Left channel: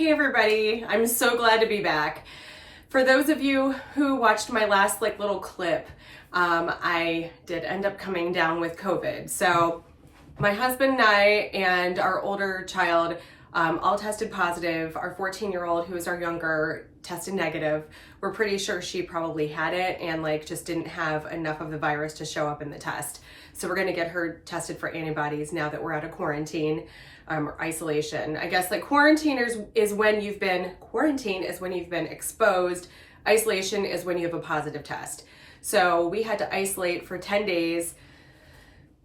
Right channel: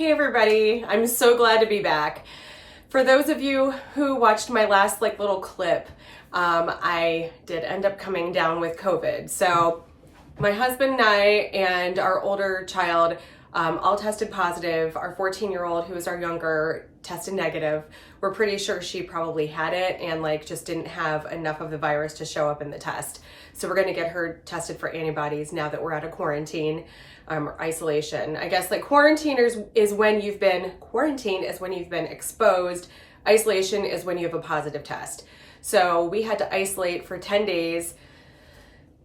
Hey everybody, I'm so glad to be back. For those of you who watched my last little clip, I did end up coming down with COVID. So my husband and I and our older child all tested positive. Our 14-year-old, who is our younger, tested negative. We're pretty sure she probably had it and just didn't have enough of the virus to show up in the test. So we're gonna get her tested for antibodies now that we're out of quarantine or isolation. I guess quarantine is when you've been exposed. Isolation is when you have a positive test. So we had to isolate for 10 days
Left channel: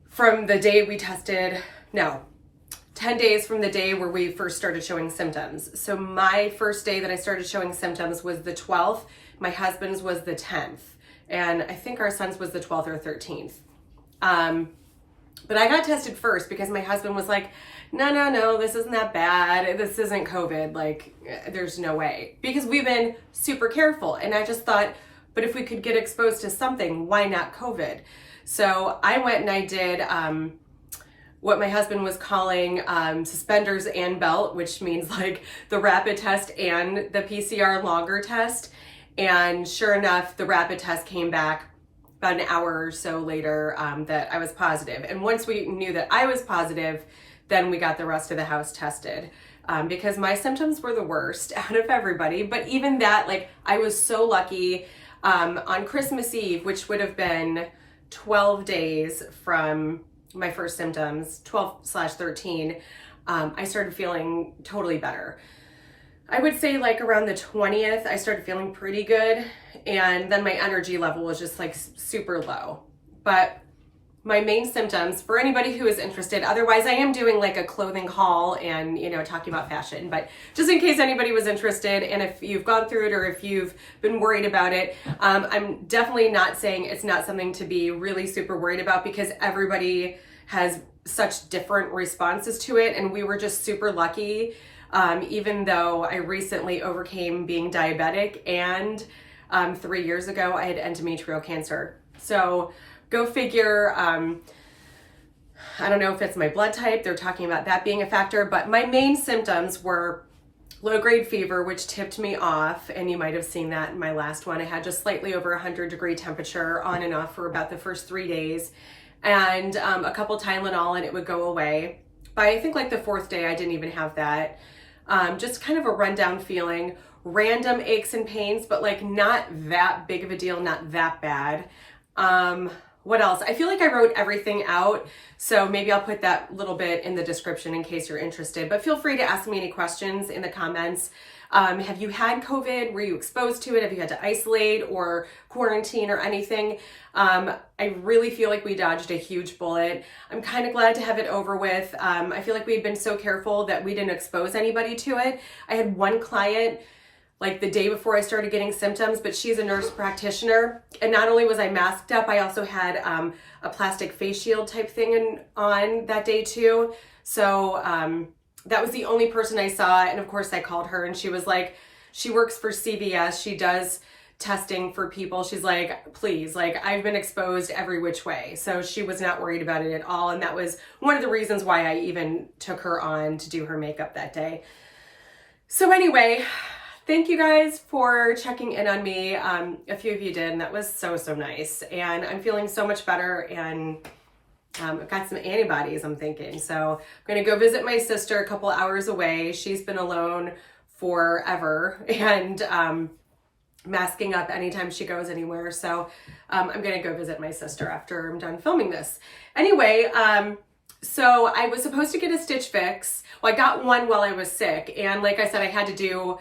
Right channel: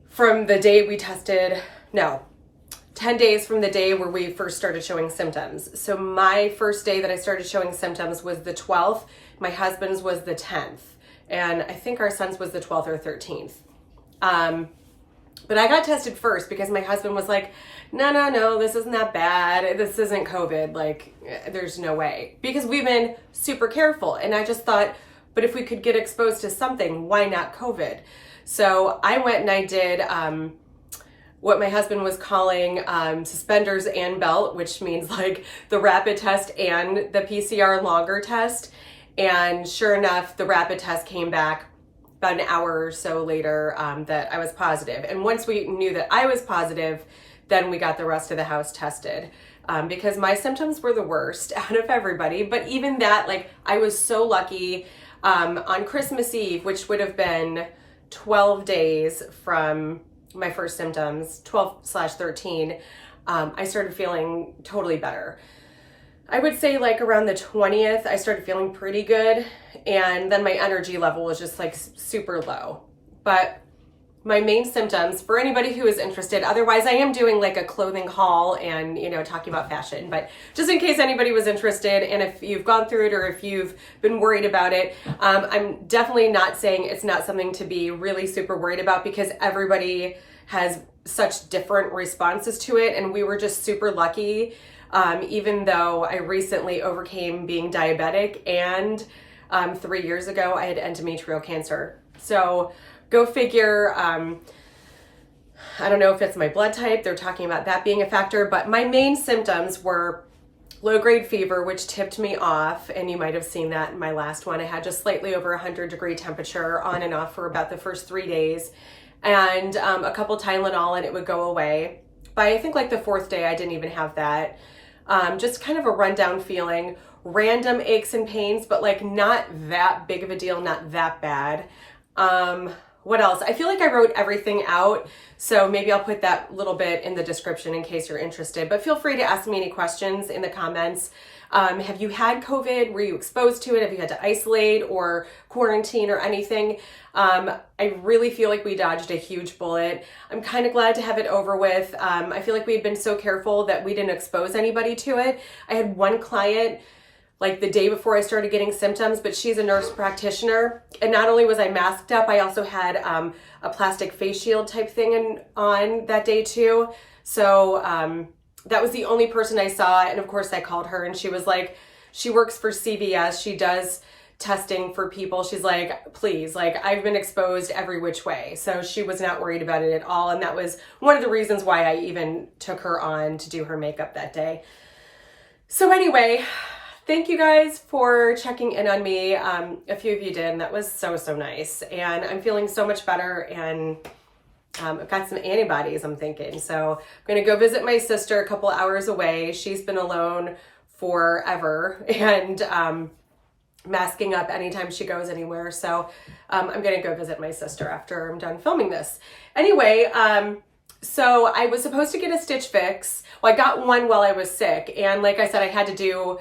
from the day we tested, 10 days from the day where we first started showing symptoms. So my first day that I started showing symptoms was the 12th. My husband's was the 10th. And I think our son's was the 12th or 13th. But I got tested first because my husband was like, no, this isn't that bad. This isn't COVID. There's no way. Because we've been super careful. And I just thought, but if we could get exposed to something, why not COVID? So I went and I did what my husband was calling suspenders and belt, which means the rapid test and the PCR longer test. And sure enough, the rapid test came back about an hour or so later that I was positive. And once we knew that I was positive, then we got the rest of the house tested because my symptoms were the worst out of everybody. But even that, I was so lucky on Christmas Eve, which would have been 12 days from my first symptoms, 12/13, I started feeling totally better. I would say around the 20th, I started feeling pretty good. And then my energy level was just super low. But my main symptoms, for anybody who is interested, otherwise I am doing a clothing haul and, talking about fashion, but just in case anybody was interested and if you've gone through it or if you've been worried about it, I'm definitely not saying it's not something to be really super worried about because everybody has such different responses to it. And we were just super lucky. Even though I recently overcame being diabetic and 3 years ago I had endometrial cancer. So go figure. I don't know if it's my blood type. They're talking about that being a factor, but my main symptoms were low-grade fever, which tipped me off. And you might have seen that in my last one. I had just slightly over 100-degree temperature on and off for about the first 3 days and a couple Tylenol and it would go away. But I think the fourth day, I didn't even have that. Just kind of a rundown feeling, random aches and pains, but not that big of a deal, not that bad. What else? I feel I wrote everything out, so maybe I'll put that little bit in the description in case you're interested, but feel free to ask me any questions in the comments. Have you had COVID? Were you exposed to it? Have you had to isolate or quarantine or anything? I really feel we dodged a huge bullet. I'm kind of glad to have it over with. I feel we'd been so careful that we didn't expose anybody to it. I had one client the day before I started getting symptoms, but she's a nurse practitioner. And not only was I masked up, I also had a plastic face shield type thing on that day too. So that was the only person I saw. And of course I called her and she was she works for CVS. She does testing for people. She's please, I've been exposed every which way. So she was not worried about it at all. And that was one of the reasons why I even took her on to do her makeup that day. So anyway, thank you guys for checking in on me. A few of you did, and that was so nice. And I'm feeling so much better and I've got some antibodies, I'm thinking. So I'm gonna go visit my sister a couple hours away. She's been alone forever and masking up anytime she goes anywhere. So I'm gonna go visit my sister after I'm done filming this. Anyway, so I was supposed to get a stitch fix. Well, I got one while I was sick. And like I said, I had to do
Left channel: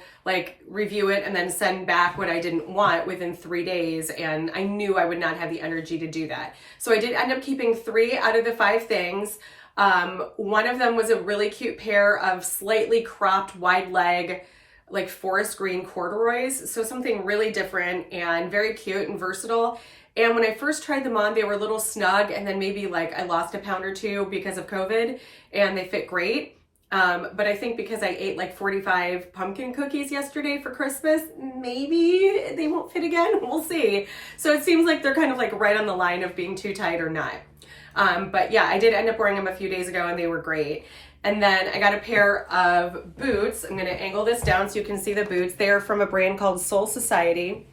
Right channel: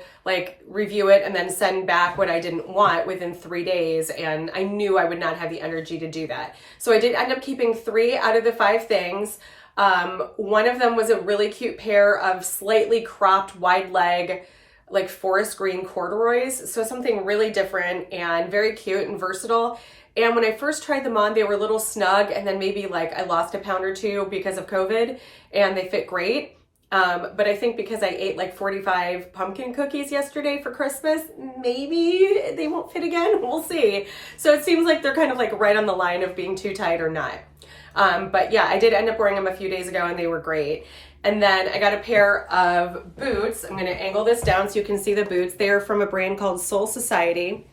review it and then send back what I didn't want within 3 days. And I knew I would not have the energy to do that. So I did end up keeping 3 out of the 5 things. One of them was a really cute pair of slightly cropped wide leg, forest green corduroys. So something really different and very cute and versatile. And when I first tried them on, they were a little snug and then maybe I lost a pound or 2 because of COVID and they fit great. But I think because I ate 45 pumpkin cookies yesterday for Christmas, maybe they won't fit again. We'll see. So it seems they're kind of right on the line of being too tight or not. But yeah, I did end up wearing them a few days ago and they were great. And then I got a pair of boots. I'm gonna angle this down so you can see the boots. They are from a brand called Soul Society.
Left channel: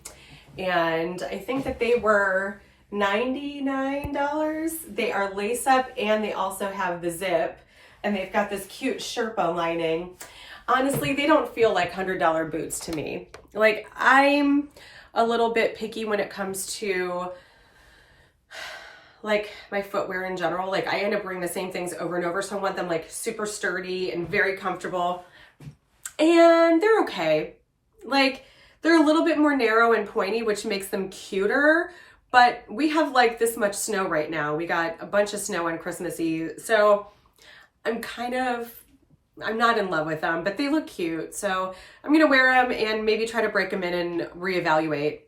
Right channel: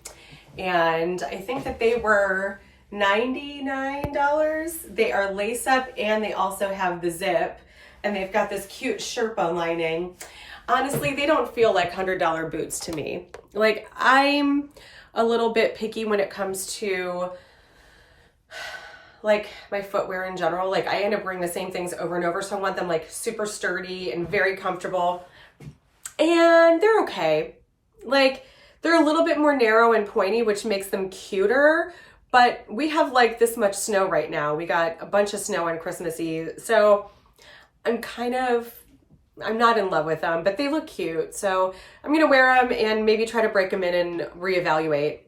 And I think that they were $99. They are lace up and they also have the zip. And they've got this cute Sherpa lining. Honestly, they don't feel like $100 boots to me. Like, I'm a little bit picky when it comes to like my footwear in general. Like, I end up wearing the same things over and over, so I want them like super sturdy and very comfortable. And they're okay. Like, they're a little bit more narrow and pointy, which makes them cuter, but we have like this much snow right now. We got a bunch of snow on Christmas Eve, so I'm not in love with them, but they look cute. So I'm gonna wear them and maybe try to break them in and reevaluate.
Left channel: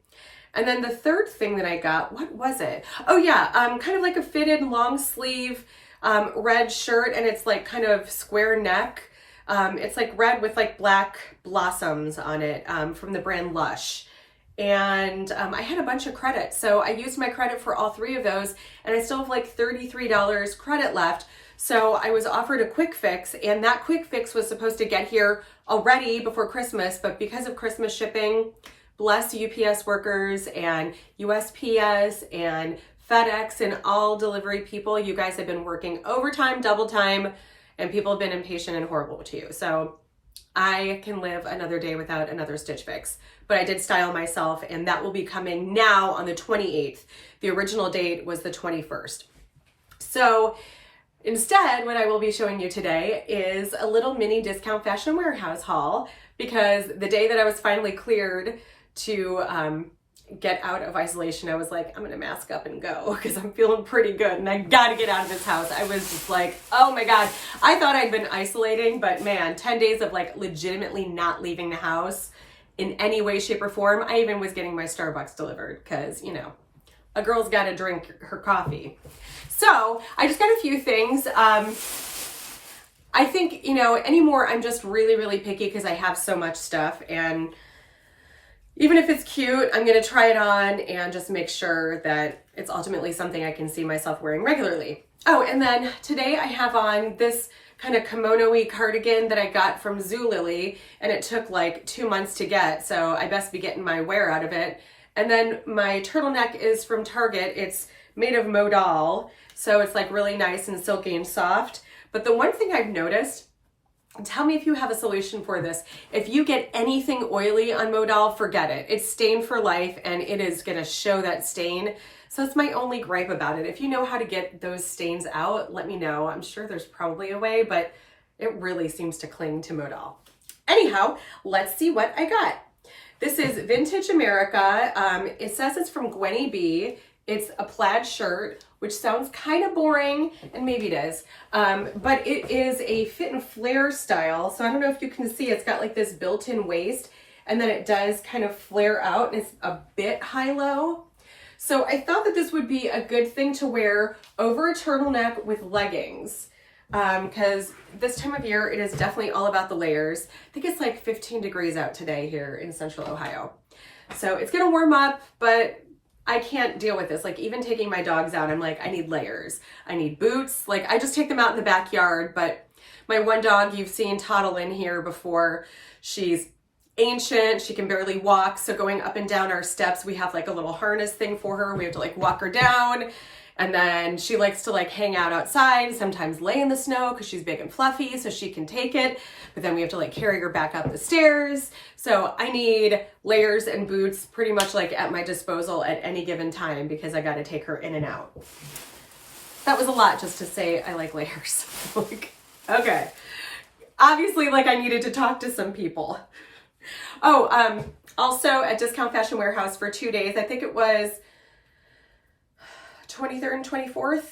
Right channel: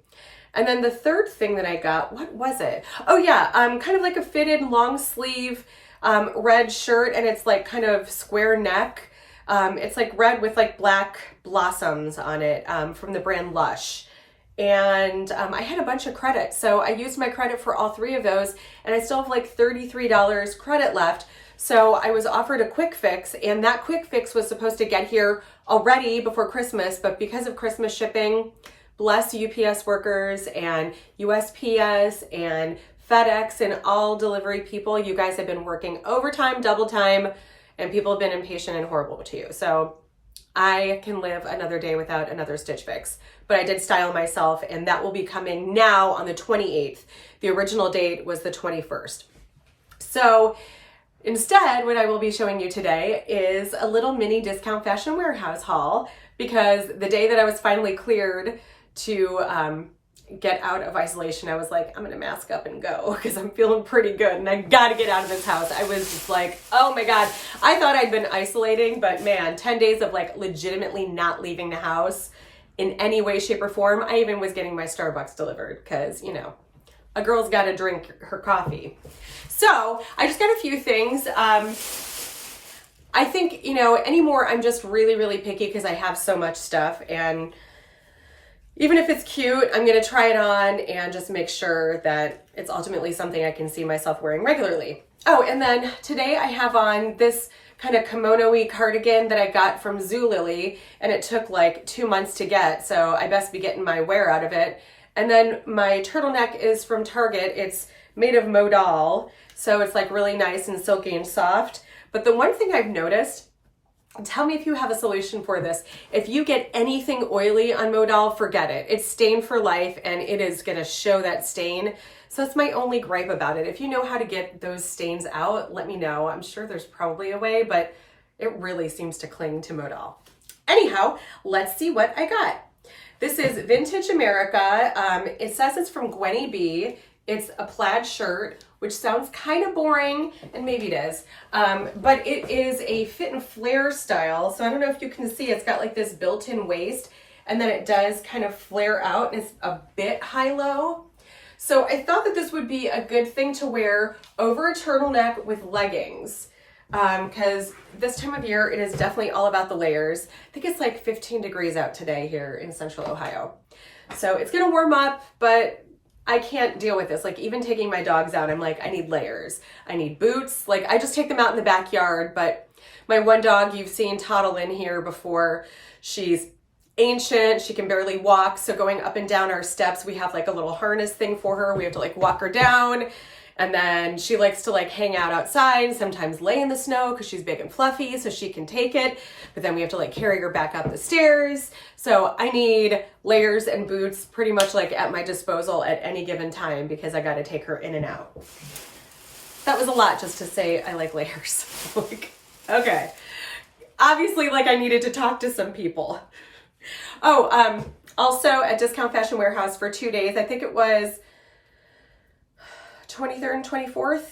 And then the third thing that I got, what was it? Oh yeah, kind of like a fitted long sleeve red shirt, and it's like kind of square neck. It's like red with like black blossoms on it from the brand Lush. And I had a bunch of credit, so I used my credit for all three of those, and I still have like $33 credit left. So I was offered a quick fix, and that quick fix was supposed to get here already before Christmas, but because of Christmas shipping, bless UPS workers and USPS and FedEx and all delivery people, you guys have been working overtime, double time, and people have been impatient and horrible to you. So I can live another day without another Stitch Fix. But I did style myself, and that will be coming now on the 28th. The original date was the 21st. So instead, what I will be showing you today is a little mini Discount Fashion Warehouse haul, because the day that I was finally cleared to get out of isolation, I was like, I'm gonna mask up and go because I'm feeling pretty good and I gotta get out of this house. I was just like, oh my God. I thought I'd been isolating, but man, 10 days of like legitimately not leaving the house in any way, shape, or form. I even was getting my Starbucks delivered because, you know, a girl's gotta drink her coffee. So I just got a few things. I think, you know, anymore, I'm just really, really picky because I have so much stuff, and even if it's cute, I'm gonna try it on and just make sure that it's ultimately something I can see myself wearing regularly. Oh, and then today I have on this kind of kimono-y cardigan that I got from Zulily, and it took like 2 months to get, so I best be getting my wear out of it. And then my turtleneck is from Target. It's made of modal, so it's like really nice and silky and soft. But the one thing I've noticed, tell me if you have a solution for this. If you get anything oily on modal, forget it. It's stained for life, and it is gonna show that stain. So it's my only gripe about it. If you know how to get those stains out, let me know. I'm sure there's probably a way, but it really seems to cling to modal. Anyhow, let's see what I got. This is Vintage America. It says it's from Gwenny B. It's a plaid shirt, which sounds kind of boring, and maybe it is, but it is a fit and flare style. So I don't know if you can see, it's got like this built-in waist, and then it does kind of flare out, and it's a bit high-low. So I thought that this would be a good thing to wear over a turtleneck with leggings, because this time of year, it is definitely all about the layers. I think it's like 15 degrees out today here in Central Ohio. So it's gonna warm up, but I can't deal with this. Like, even taking my dogs out, I'm like, I need layers. I need boots. Like, I just take them out in the backyard, but my one dog you've seen toddle in here before. She's ancient. She can barely walk. So going up and down our steps, we have like a little harness thing for her. We have to like walk her down. And then she likes to like hang out outside, sometimes lay in the snow because she's big and fluffy, so she can take it. But then we have to like carry her back up the stairs. So I need layers and boots pretty much like at my disposal at any given time because I got to take her in and out. That was a lot just to say I like layers. Okay. Obviously, like, I needed to talk to some people. Oh, also at Discount Fashion Warehouse for 2 days, I think it was 23rd and 24th.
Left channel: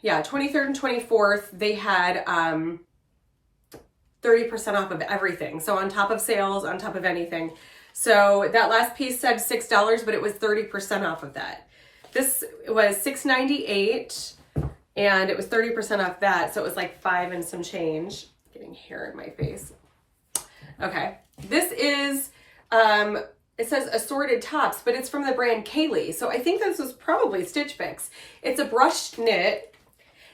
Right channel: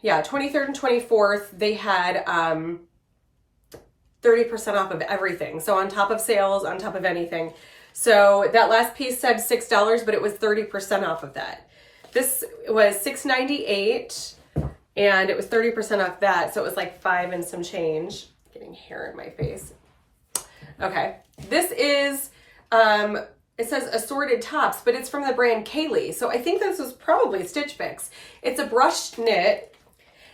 Yeah, 23rd and 24th, they had 30% off of everything. So on top of sales, on top of anything. So that last piece said $6, but it was 30% off of that. This was $6.98, and it was 30% off that. So it was like $5 and some change. Getting hair in my face. Okay, this is, it says assorted tops, but it's from the brand Kaylee. So I think this was probably Stitch Fix. It's a brushed knit,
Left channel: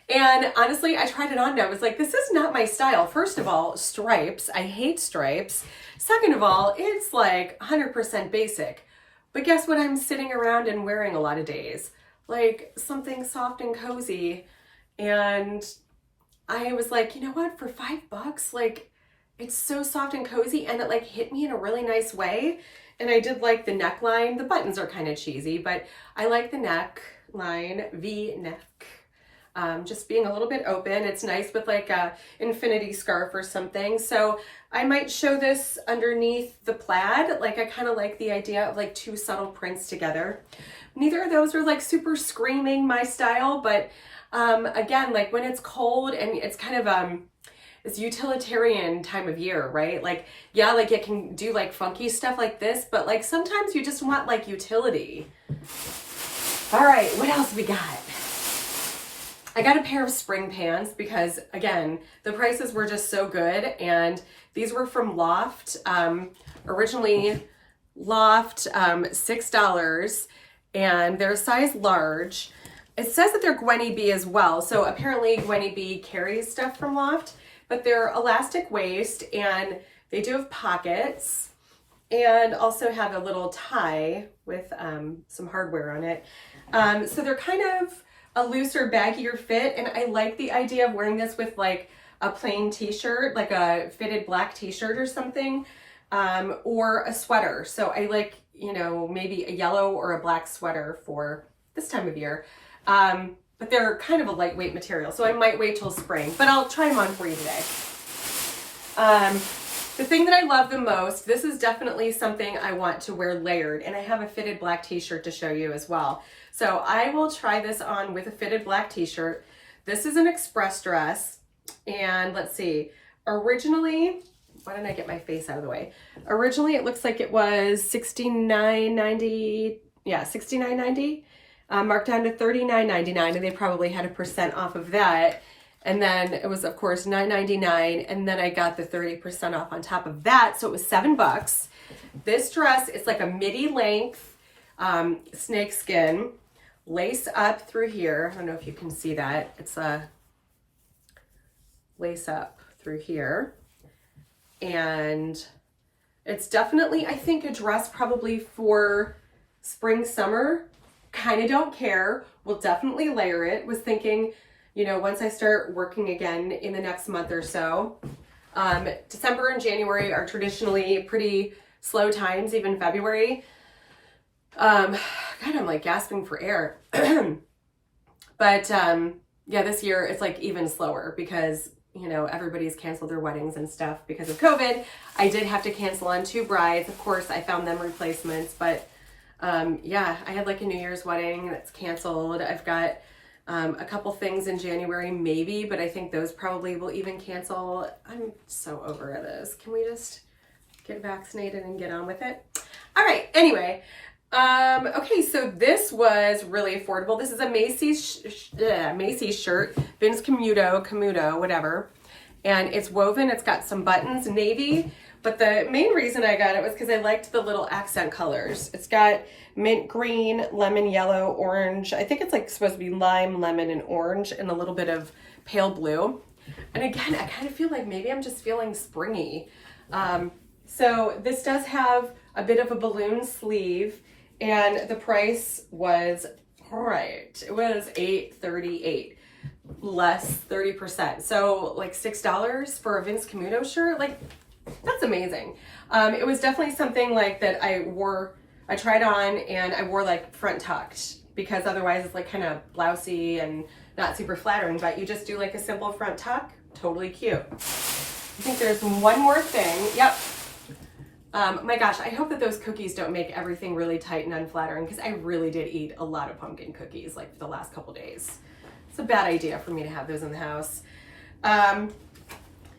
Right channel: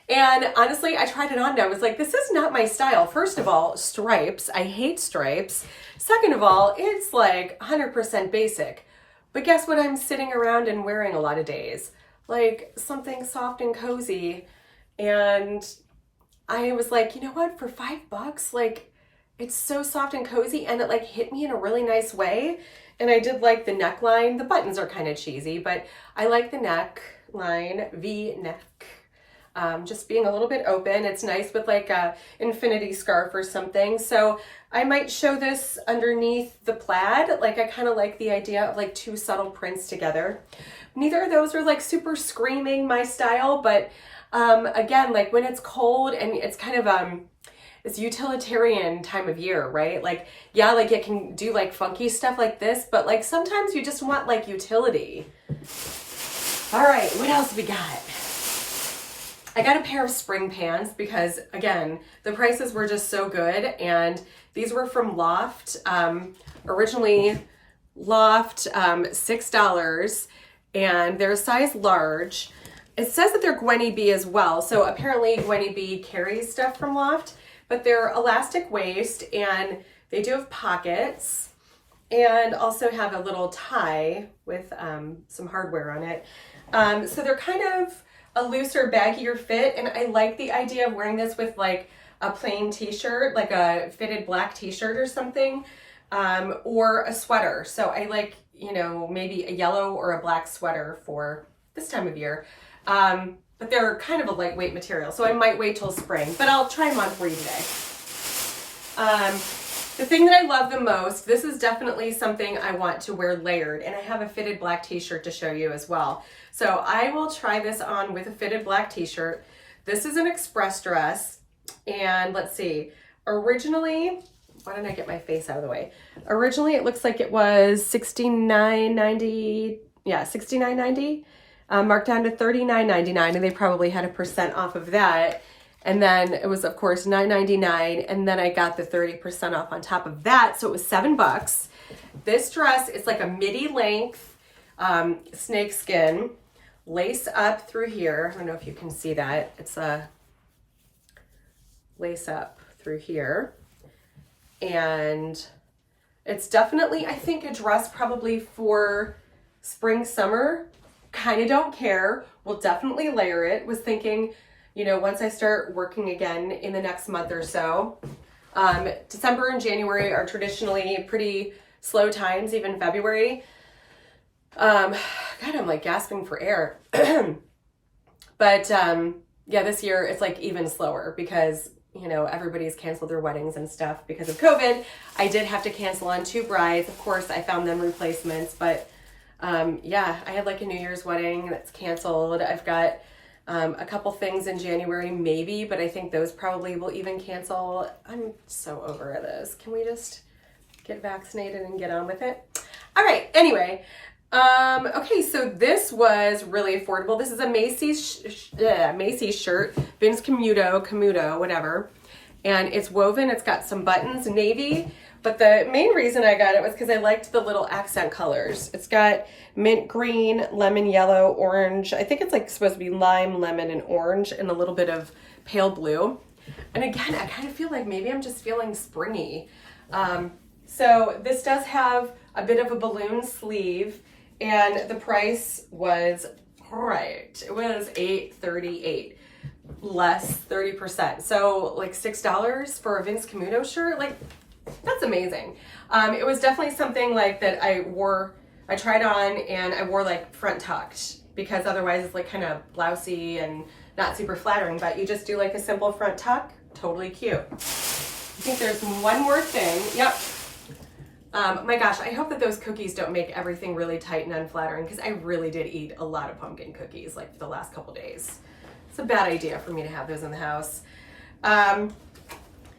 And honestly, I tried it on and I was like, this is not my style. First of all, stripes. I hate stripes. Second of all, it's like 100% basic. But guess what I'm sitting around and wearing a lot of days? Like something soft and cozy. And I was like, you know what, for $5, like it's so soft and cozy, and it like hit me in a really nice way. And I did like the neckline. The buttons are kind of cheesy, but I like the neckline, V-neck. Just being a little bit open. It's nice with like a infinity scarf or something. So I might show this underneath the plaid. Like I kind of like the idea of like two subtle prints together. Neither of those are like super screaming my style, but again, like when it's cold and it's kind of it's utilitarian time of year, right? Like, yeah, like it can do like funky stuff like this, but like sometimes you just want like utility. All right, what else we got? I got a pair of spring pants because again, the prices were just so good, and these were from Loft. Originally Loft, $6, and they're a size large. It says that they're Gwenny B as well. So apparently Gwenny B carries stuff from Loft, but they're elastic waist and they do have pockets and also have a little tie with some hardware on it. So they're kind of a looser, baggier fit. And I like the idea of wearing this with like a plain t-shirt, like a fitted black t-shirt or something, or a sweater. So I like, you know, maybe a yellow or a black sweater for this time of year. But they're kind of a lightweight material, so I might wait till spring, but I'll try them on for you today. The thing that I love the most, this is definitely something I want to wear layered, and I have a fitted black t-shirt to show you as well. So I will try this on with a fitted black t-shirt. This is an express dress, and let's see, originally, why don't I get my face out of the way? Originally, it looks like it was $69.90, yeah, $69.90. Marked down to $39.99, and they probably had a % off of that. And then it was, of course, $9.99, and then I got the 30% off on top of that, so it was $7. This dress is like a midi length snake skin, lace up through here. I don't know if you can see that. It's a lace up through here, and it's definitely, I think, a dress probably for spring, summer. Kind of don't care. We'll definitely layer it. Was thinking, you know, once I start working again in the next month or so. December and January are traditionally pretty slow times, even February. God, I'm like gasping for air. But yeah, this year it's like even slower because, you know, everybody's canceled their weddings and stuff because of COVID. I did have to cancel on 2 brides. Of course, I found them replacements, but yeah, I had like a New Year's wedding that's canceled. I've got a couple things in January maybe, but I think those probably will even cancel. I'm so over this. Can we just get vaccinated and get on with it? All right, anyway. Okay, so this was really affordable. This is a Macy's shirt, Vince Camuto, whatever. And it's woven, it's got some buttons, navy. But the main reason I got it was because I liked the little accent colors. It's got mint green, lemon yellow, orange. I think it's like supposed to be lime, lemon, and orange, and a little bit of pale blue. And again, I kind of feel like maybe I'm just feeling springy. So this does have a bit of a balloon sleeve, and the price was, right, it was $8.38, less 30%. So like $6 for a Vince Camuto shirt, like that's amazing. It was definitely something like that I tried on and I wore like front tucked because otherwise it's like kind of blousy and not super flattering, but you just do like a simple front tuck, totally cute. I think there's one more thing. Yep. My gosh, I hope that those cookies don't make everything really tight and unflattering because I really did eat a lot of pumpkin cookies like for the last couple days. It's a bad idea for me to have those in the house.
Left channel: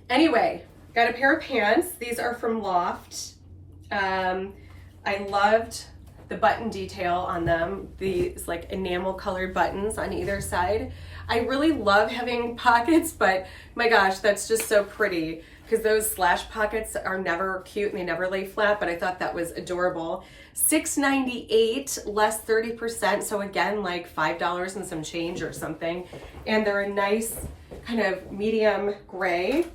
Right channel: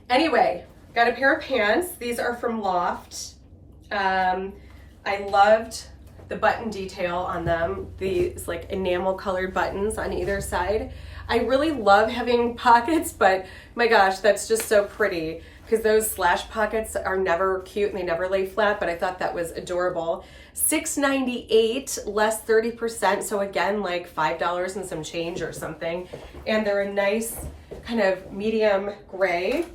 Anyway, got a pair of pants. These are from Loft. I loved the button detail on them. These like enamel colored buttons on either side. I really love having pockets, but my gosh, that's just so pretty. because those slash pockets are never cute and they never lay flat, but I thought that was adorable. $6.98 less 30%, so again, like $5 and some change or something. And they're a nice kind of medium gray.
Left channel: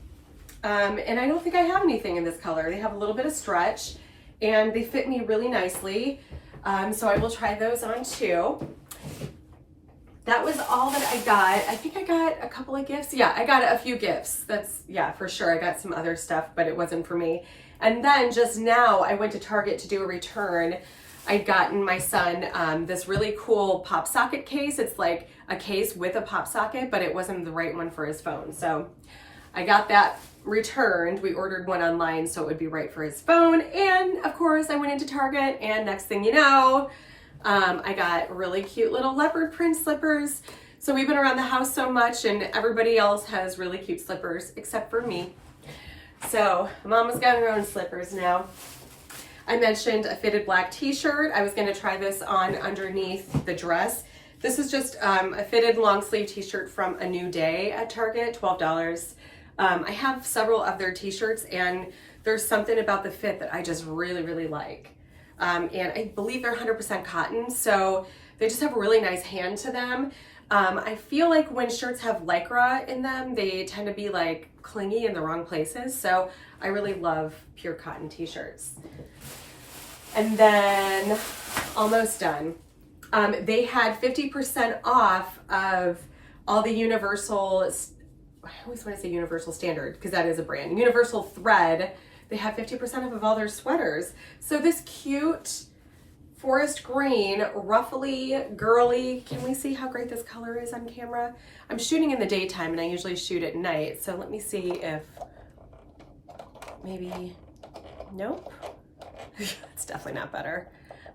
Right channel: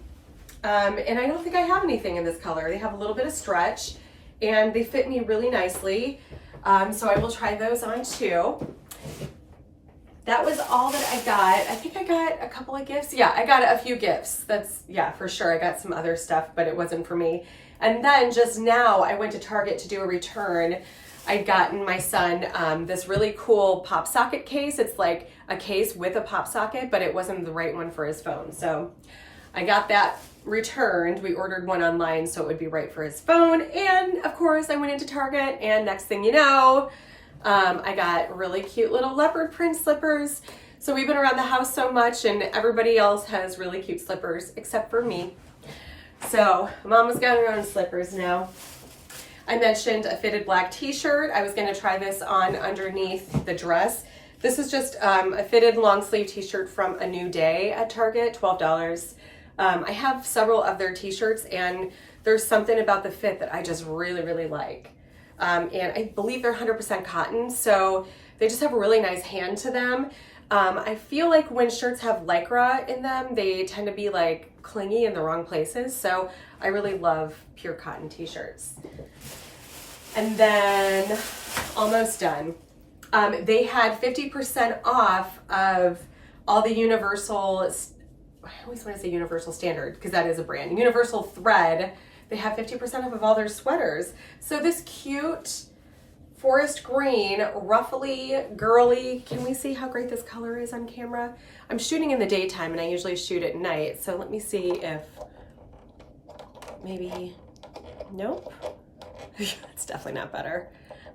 And I don't think I have anything in this color. They have a little bit of stretch and they fit me really nicely. So I will try those on too. That was all that I got. I think I got a couple of gifts. Yeah, I got a few gifts. That's, yeah, for sure. I got some other stuff, but it wasn't for me. And then just now I went to Target to do a return. I'd gotten my son this really cool pop socket case. It's like a case with a pop socket, but it wasn't the right one for his phone. So I got that returned. We ordered one online so it would be right for his phone. And of course I went into Target and next thing you know, I got really cute little leopard print slippers. So we've been around the house so much and everybody else has really cute slippers except for me. So Mama's got her own slippers now. I mentioned a fitted black t-shirt. I was gonna try this on underneath the dress. This is just a fitted long sleeve t-shirt from A New Day at Target, $12. I have several of their t-shirts and there's something about the fit that I just really, really like. And I believe they're 100% cotton, so they just have a really nice hand to them. I feel like when shirts have Lycra in them, they tend to be like clingy in the wrong places. So I really love pure cotton t-shirts. And then almost done. They had 50% off of all the Universal, I always want to say Universal Standard because that is a brand, Universal Thread. They have 50% off of all their sweaters. So this cute forest green, ruffly, girly, can we see how great this color is on camera? I'm shooting in the daytime and I usually shoot at night. So let me see if maybe, nope. It's definitely not better.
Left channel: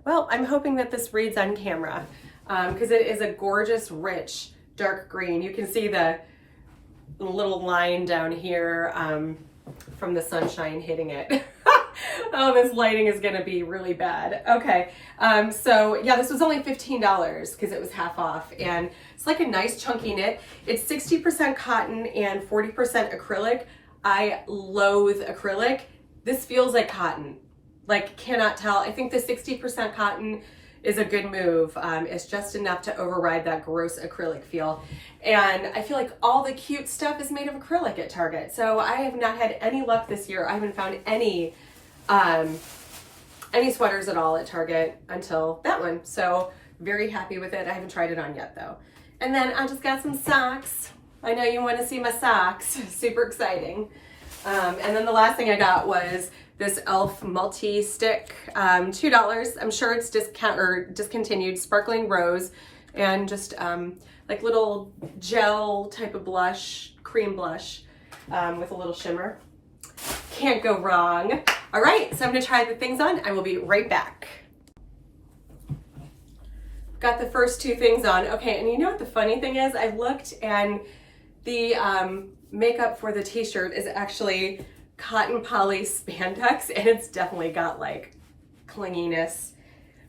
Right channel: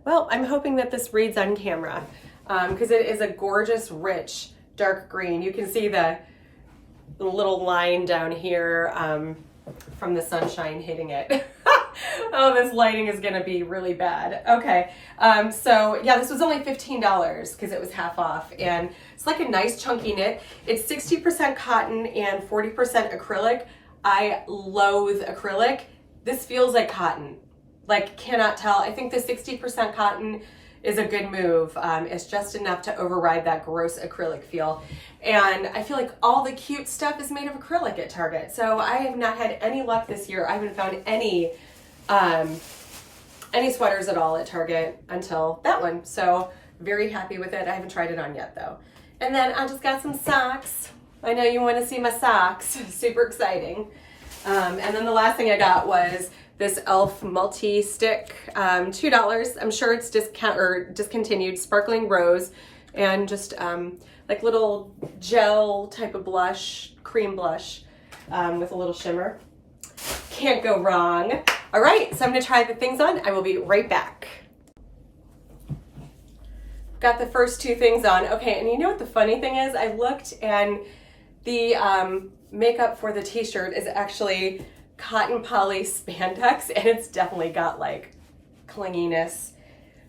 Well, I'm hoping that this reads on camera because it is a gorgeous, rich, dark green. You can see the little line down here from the sunshine hitting it. Oh, this lighting is gonna be really bad. Okay, so yeah, this was only $15 because it was half off, and it's like a nice chunky knit. It's 60% cotton and 40% acrylic. I loathe acrylic. This feels like cotton. Like, cannot tell. I think the 60% cotton is a good move. It's just enough to override that gross acrylic feel. And I feel like all the cute stuff is made of acrylic at Target. So I have not had any luck this year. I haven't found any sweaters at all at Target until that one. So very happy with it. I haven't tried it on yet though. And then I just got some socks. I know you want to see my socks. Super exciting. And then the last thing I got was this e.l.f. multi-stick, $2. I'm sure it's discontinued, sparkling rose, and just like little gel type of blush, cream blush with a little shimmer. Can't go wrong. All right, so I'm gonna try the things on. I will be right back. Got the first two things on. Okay, and you know what the funny thing is? I looked and the makeup for the t-shirt is actually cotton poly spandex, and it's definitely got like clinginess.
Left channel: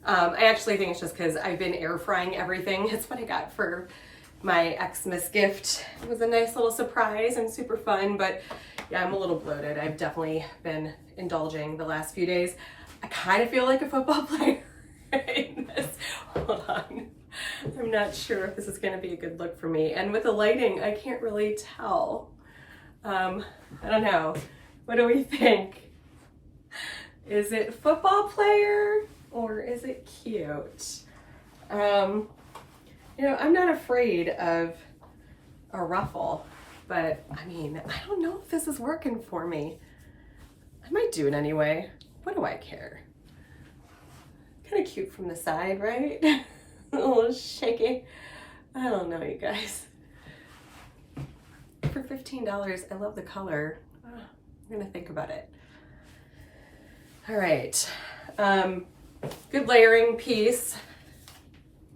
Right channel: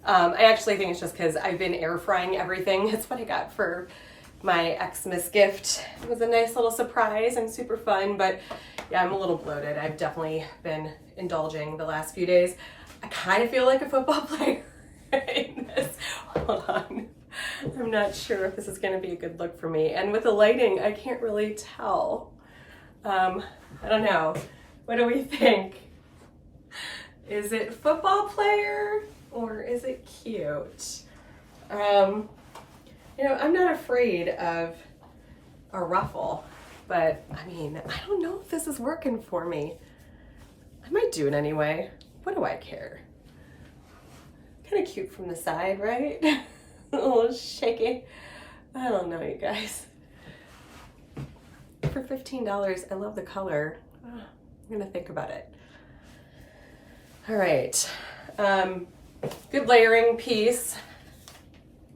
I actually think it's just because I've been air frying everything. It's what I got for my Xmas gift. It was a nice little surprise and super fun, but yeah, I'm a little bloated. I've definitely been indulging the last few days. I kind of feel like a football player in this. Hold on. I'm not sure if this is going to be a good look for me. And with the lighting, I can't really tell. I don't know. What do we think? Is it football player or is it cute? You know, I'm not afraid of a ruffle, but I mean, I don't know if this is working for me. I might do it anyway. What do I care? Kind of cute from the side, right? A little shaky. I don't know, you guys. For $15, I love the color. Oh, I'm gonna think about it. All right, good layering piece.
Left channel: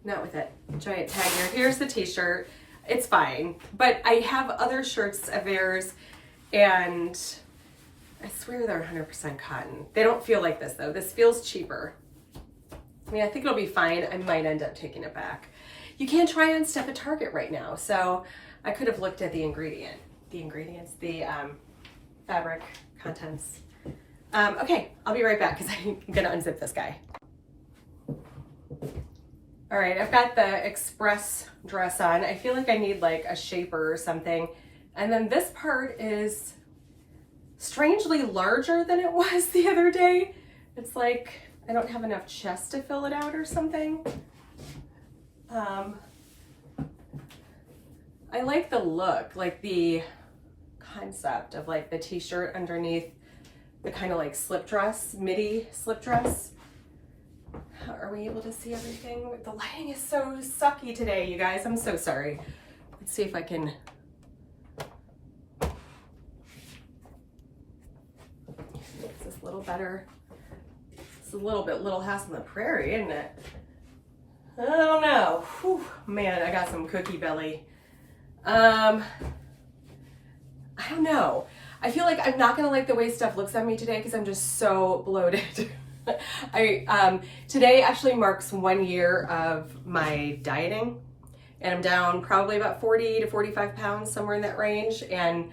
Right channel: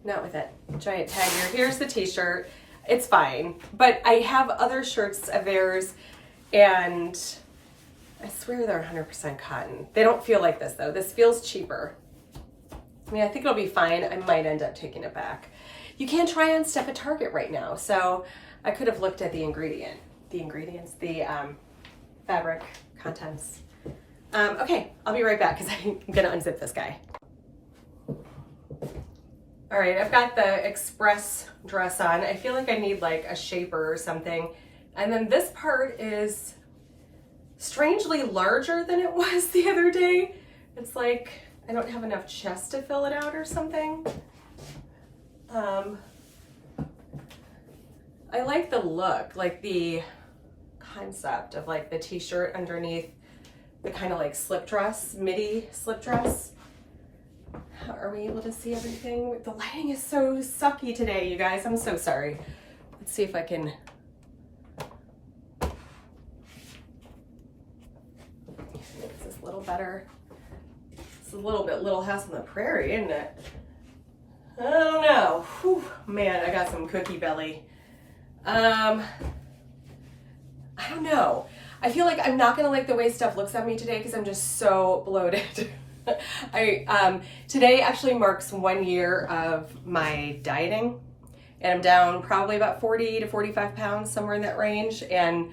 Not with that giant tag here. Here's the t-shirt. It's fine, but I have other shirts of theirs and I swear they're 100% cotton. They don't feel like this though. This feels cheaper. I mean, I think it'll be fine. I might end up taking it back. You can't try on stuff at Target right now, so I could have looked at the fabric contents. Okay, I'll be right back because I'm gonna unzip this guy. All right, I've got the express dress on. I feel like I need like a shaper or something. And then this part is strangely larger than it was the other day. It's like I don't have enough chest to fill it out or something. I like the look, like the concept of like the t-shirt underneath the kind of like slip dress, midi slip dress. Are we able to see everything? The lighting is so sucky today, you guys. I'm so sorry. Let's see if I can. Is this a little better? It's a little bit Little House on the Prairie, isn't it? I don't know. Whew, man, I got some cookie belly. I don't know. I feel like I'm not gonna like the way stuff looks at me today because I'm just so bloated. Today actually marks 1 year of my dieting, and I'm down probably about 40 to 45 pounds, somewhere in that range. And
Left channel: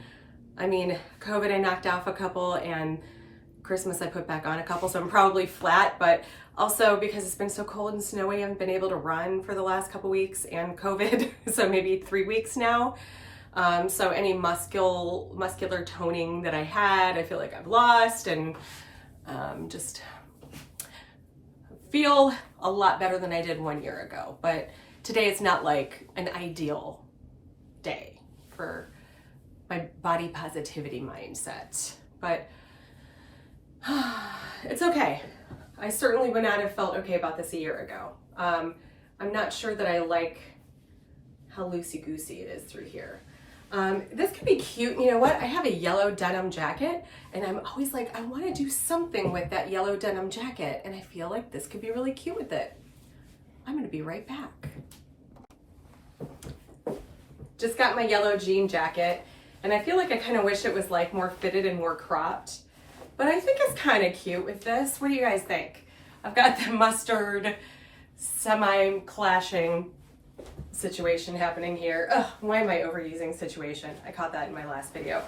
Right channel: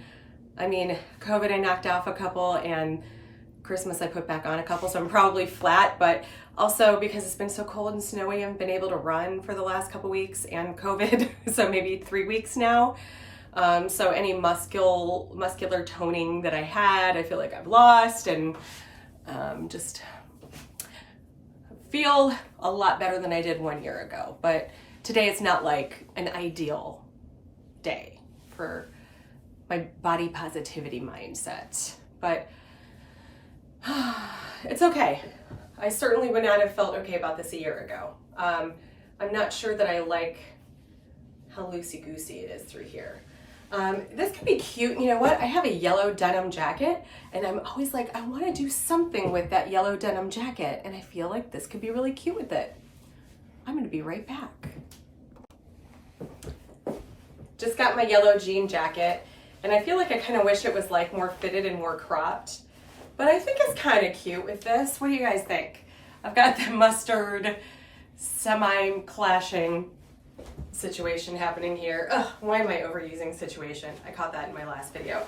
I mean, COVID, I knocked off a couple, and Christmas I put back on a couple, so I'm probably flat, but also because it's been so cold and snowy, I haven't been able to run for the last couple weeks, and COVID, so maybe 3 weeks now. So any muscular toning that I had, I feel like I've lost, and just feel a lot better than I did 1 year ago. But today it's not like an ideal day for my body positivity mindset, but it's okay. I certainly would not have felt okay about this a year ago. I'm not sure that I like how loosey-goosey it is through here. This could be cute. You know what? I have a yellow denim jacket, and I'm always like, I want to do something with that yellow denim jacket, and I feel like this could be really cute with it. I'm going to be right back. Just got my yellow jean jacket, and I feel like I kind of wish it was like more fitted and more cropped, but I think it's kind of cute with this. What do you guys think? I've got the mustard semi-clashing situation happening here. Ugh, why am I overusing situation? I caught that in my last video.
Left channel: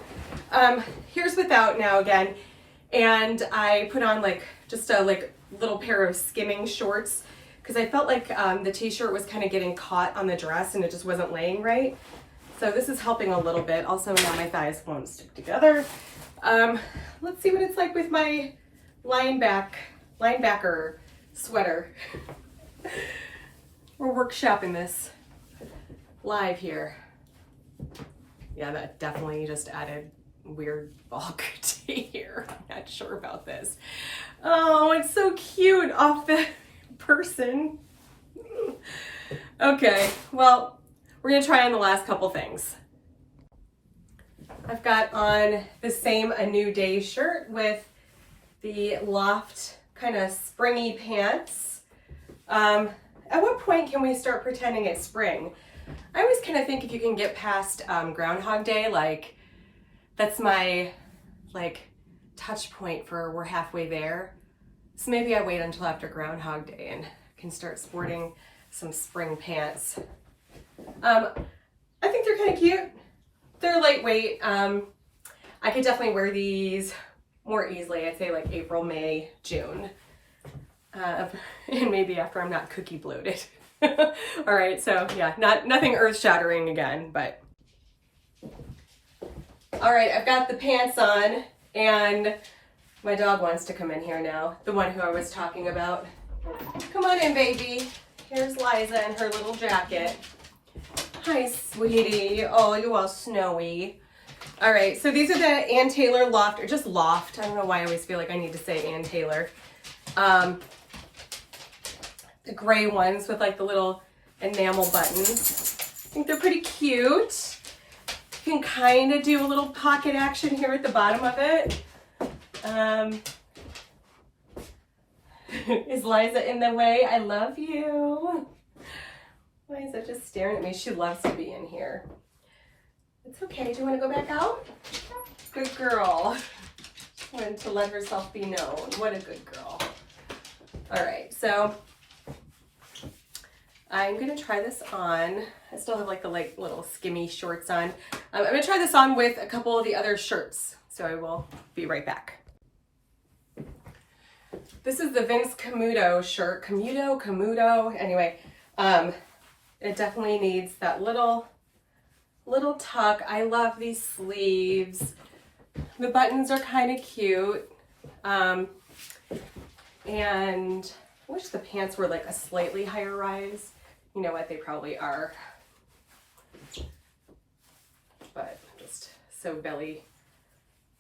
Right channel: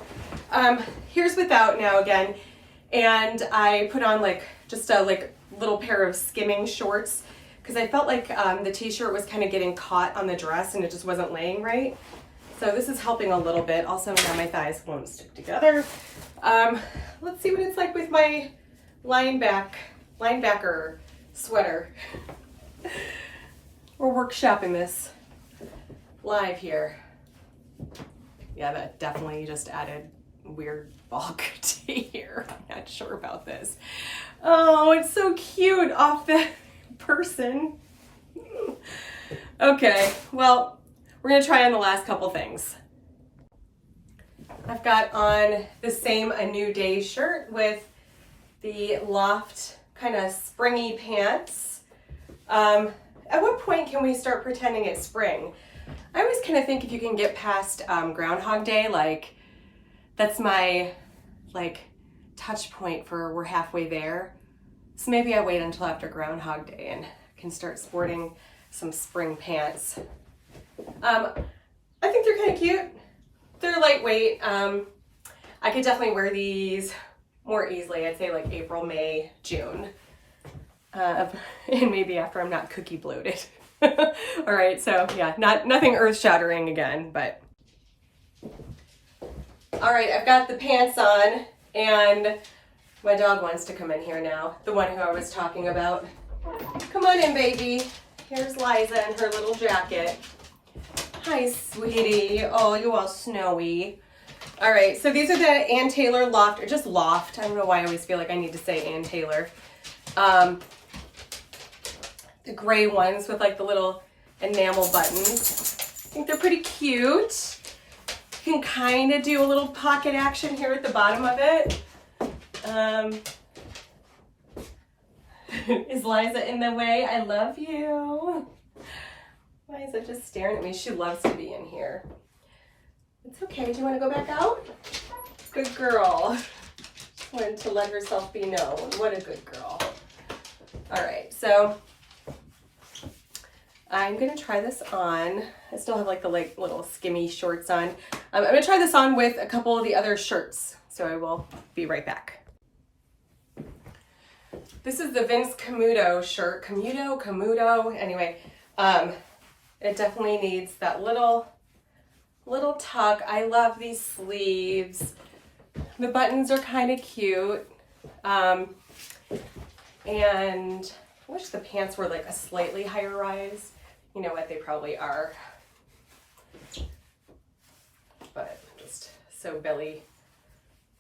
Here's without now again, and I put on like just a little pair of skimming shorts because I felt like the t-shirt was kind of getting caught on the dress and it just wasn't laying right. So this is helping a little bit. Also now my thighs won't stick together. Let's see what it's like with my linebacker sweater. We're workshopping this live here. Yeah, that definitely just added weird bulk to here. I'm not sure about this. Oh, it's so cute off the person. Okay, well, we're gonna try on the last couple things. I've got on the same A New Day shirt with the loft kind of springy pants. At what point can we start pretending it's spring? I always kind of think if you can get past Groundhog Day, like that's my touch point for we're halfway there. So maybe I wait until after Groundhog Day and can start sporting some spring pants. I think they're kind of cute. They're lightweight. I could definitely wear these more easily. I'd say like April, May, June. And maybe after I'm not cookie bloated. All right, so yeah, nothing earth-shattering again, but. All right, I've got the pants on, and my dog wants to come in here now, the one who I was talking about. Come on in, baby. Here's Liza and her little jacket. Hi, sweetie. Oh, you all snowy. All right, so these are the Ann Taylor Loft, or just Loft. I don't know why I always feel like I need to say Ann Taylor. The gray ones with like the little enamel buttons. I think they're pretty cute. You can kind of do a little pocket action here at the bottom of it. Is Liza in the way? I love you. Liza just staring at me. She loves to be in here. It's okay. Do you want to go back out? Good girl. Wanted to let herself be known. What a good girl. All right, so I'm gonna try this on. I still have like the little skimmy shorts on. I'm gonna try this on with a couple of the other shirts so I will be right back. This is the Vince Camuto shirt. Camuto, anyway. It definitely needs that little tuck. I love these sleeves. The buttons are kind of cute. And I wish the pants were like a slightly higher rise. You know what, they probably are. But I'm just so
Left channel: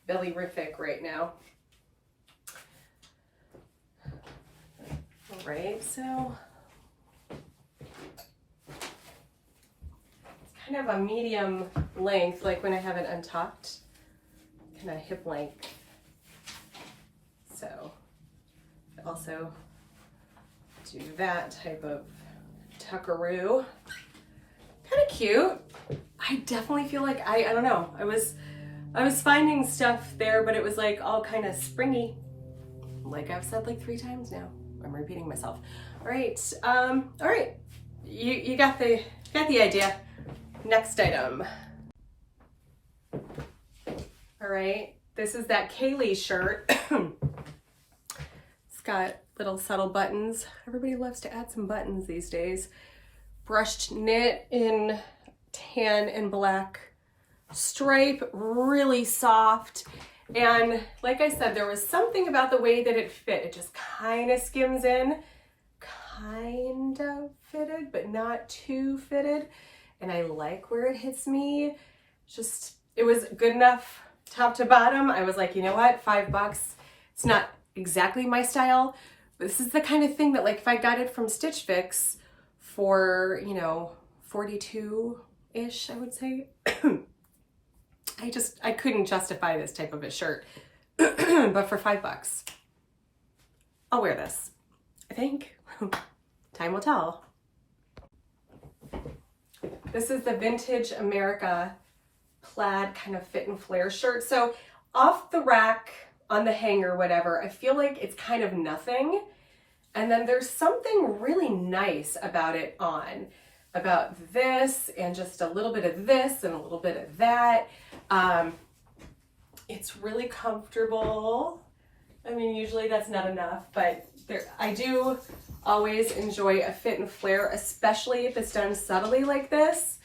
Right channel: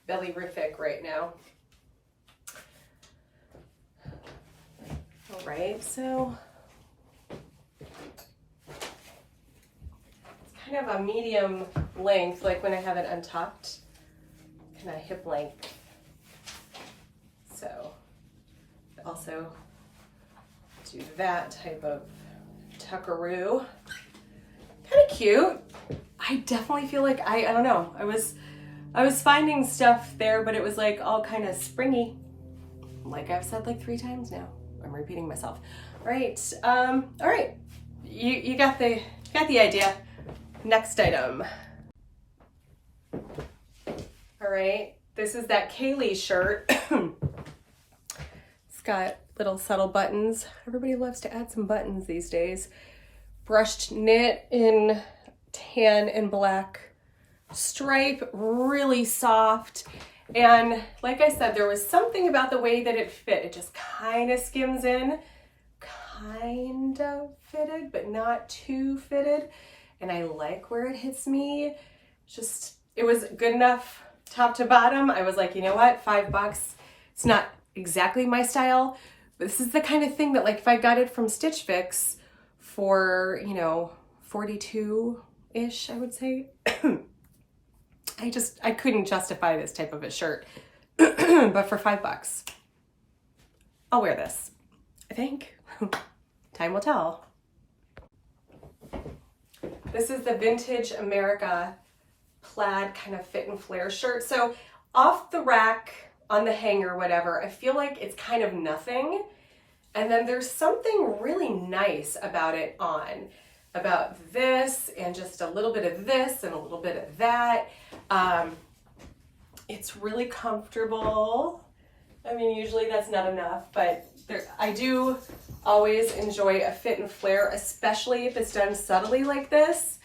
belly-rific right now. All right, so it's kind of a medium length, like when I have it untucked, kind of hip length. So also do that type of tuckaroo. Kind of cute. I definitely feel like I don't know. I was finding stuff there, but it was like all kind of springy. Like I've said like 3 times now. I'm repeating myself. All right. All right. You got the idea. Next item. All right. This is that Kaylee shirt. It's got little subtle buttons. Everybody loves to add some buttons these days. Brushed knit in tan and black stripe, really soft. And like I said, there was something about the way that it fit. It just kind of skims in, kind of fitted, but not too fitted. And I like where it hits me. It was good enough top to bottom. I was like, you know what, $5. It's not exactly my style, but this is the kind of thing that like if I got it from Stitch Fix for, you know, 42-ish, I would say. I couldn't justify this type of a shirt, but for $5, I'll wear this, I think. Time will tell. This is the Vintage America plaid kind of fit and flare shirt. So off the rack, on the hanger, whatever, I feel like it's kind of nothing. And then there's something really nice about it on. About this and just a little bit of this and a little bit of that. It's really comfortable. I mean, usually that's not enough, but I do always enjoy a fit and flare, especially if it's done subtly like this.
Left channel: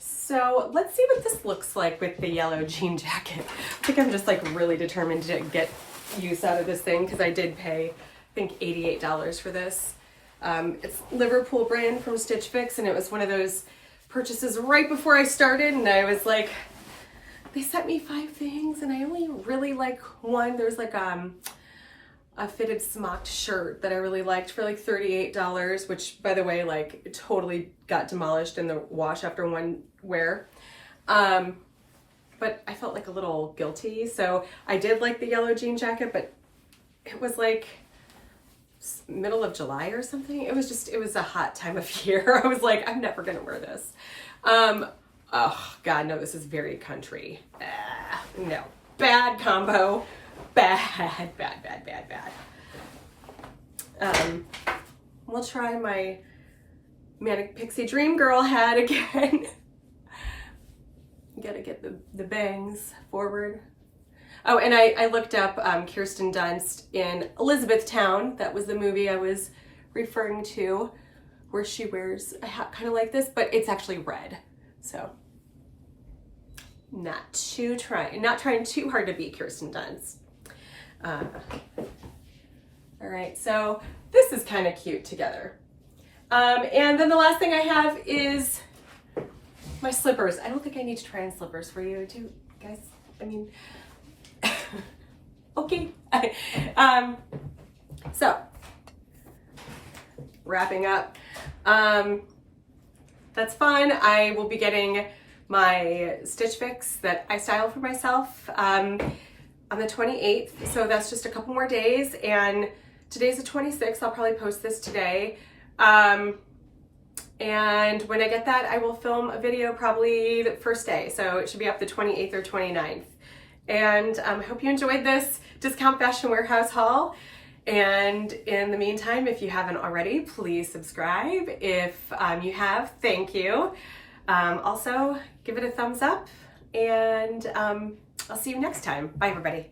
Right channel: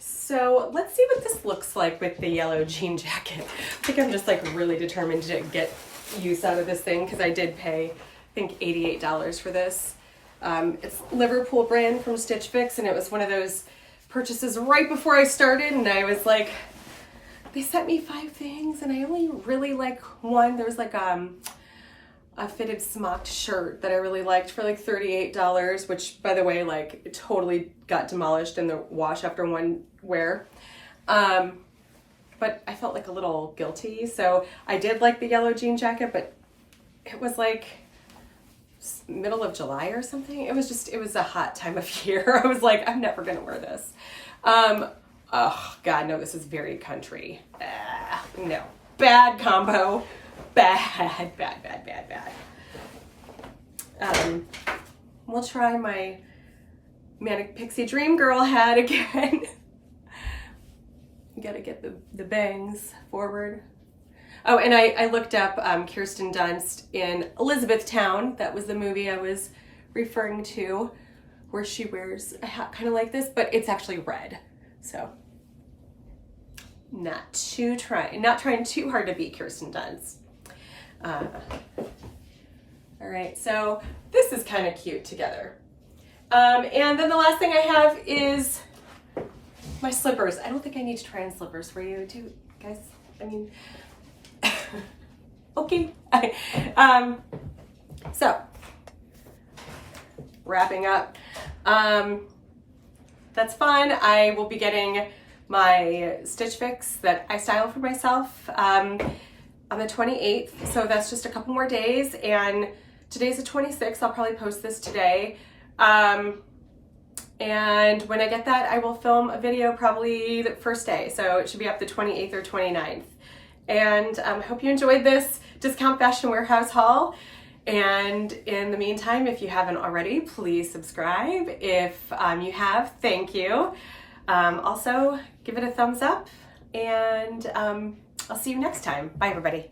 So let's see what this looks like with the yellow jean jacket. I think I'm just like really determined to get use out of this thing because I did pay, I think, $88 for this. It's Liverpool brand from Stitch Fix, and it was one of those purchases right before I started, and I was like, they sent me 5 things and I only really like one. There was like a fitted smocked shirt that I really liked for like $38, which by the way, like it totally got demolished in the wash after one wear. But I felt like a little guilty. So I did like the yellow jean jacket, but it was like middle of July or something. It was a hot time of year. I was like, I'm never gonna wear this. Oh God, no, this is very country. No, bad combo. Bad. We'll try my Manic Pixie Dream Girl hat again. Gotta get the bangs forward. Oh, and I looked up Kirsten Dunst in Elizabethtown. That was the movie I was referring to, where she wears a hat kind of like this, but it's actually red. So not trying too hard to beat Kirsten Dunst. All right, so this is kind of cute together. And then the last thing I have is my slippers. I don't think I need to try on slippers for you, do you guys? I mean, okay. So wrapping up. That's fun. I will be getting my Stitch Fix that I styled for myself on the 28th. So that's just a couple more days. And today's the 26th. I'll probably post this today. And when I get that, I will film a video probably the first day. So it should be up the 28th or 29th. And I hope you enjoyed this Discount Fashion Warehouse haul. And in the meantime, if you haven't already, please subscribe. If you have, thank you. Also, give it a thumbs up. and I'll see you next time. Bye, everybody.